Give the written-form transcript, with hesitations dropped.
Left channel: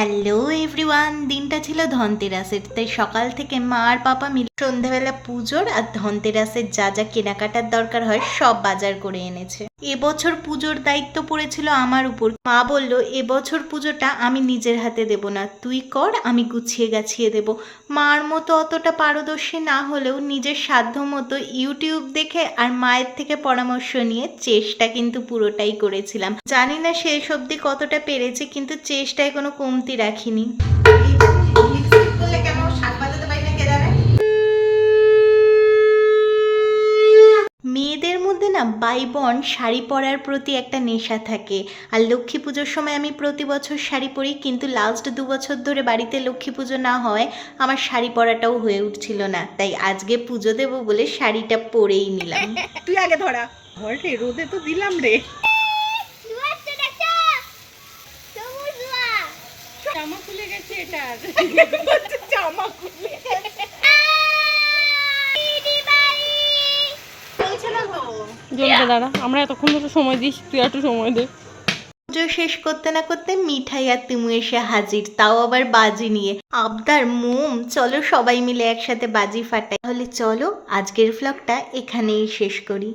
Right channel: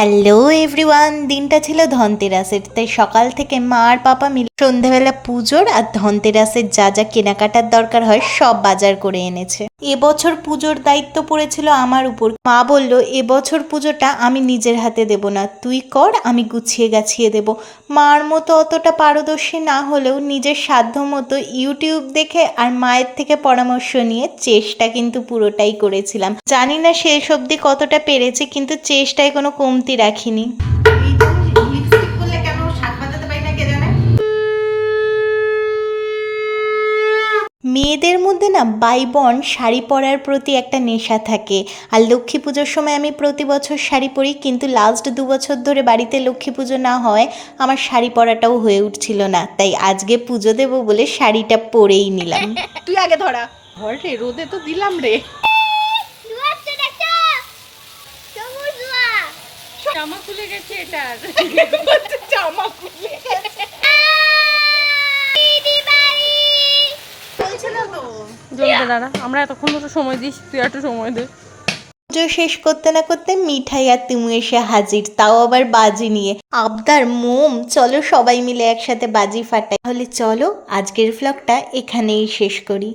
Hello everyone, দিনটা ছিল ধনতেরাসের। তাই সকাল থেকে মা আর পাপা মিলে সন্ধ্যাবেলা পুজোর আর ধনতেরাসের যা যা কেনাকাটার দরকার হয় সব বাজার করে এনেছে। এবছর পুজোর দায়িত্ব পড়েছিল আমার উপর। মা বলল এবছর পুজোটা আমি নিজের হাতে দেব না, তুই কর, আমি গুছিয়ে গাছিয়ে দেব। মার মতো অতটা পারদর্শী না হলেও নিজের সাধ্য মতো ইউটিউব দেখে আর মায়ের থেকে পরামর্শ নিয়ে চেষ্টা কিন্তু পুরোটাই করেছিলাম। জানি না শেষ অবধি কতটা পেরেছি, কিন্তু চেষ্টায় কোনো কমতি রাখিনি। মেয়েদের মধ্যে না বাই বন শাড়ি পরার প্রতি একটা নেশা থাকে। আর লক্ষ্মী পুজোর সময় আমি প্রতি বছর শাড়ি পরি, কিন্তু লাস্ট 2 বছর ধরে বাড়িতে লক্ষ্মী পুজো না হয় আমার শাড়ি পরাটাও হয়ে উঠছিল না। তাই আজকে পুজো দেবো বলে শাড়িটা পরেই নিলাম। তুই আগে ধরা ধর রে, রোদে তো দিলাম রে। জামা খুলে গেছে এটার। জামা খুলে গেছে। বলছে না তো জলদি দাঁড়া, আমরা এতক্ষণ তো সময় দিস, তুই একটু সময় দে। পুজো শেষ করতে না করতে মিঠাই আর তিমু এসে হাজির, তাও আবার বাজি নিয়ে। আবদার মোম, চলো সবাই মিলে একসাথে বাজি ফাটাই। তাহলে চলো আজকের ভ্লগটা এখানেই শেষ করি।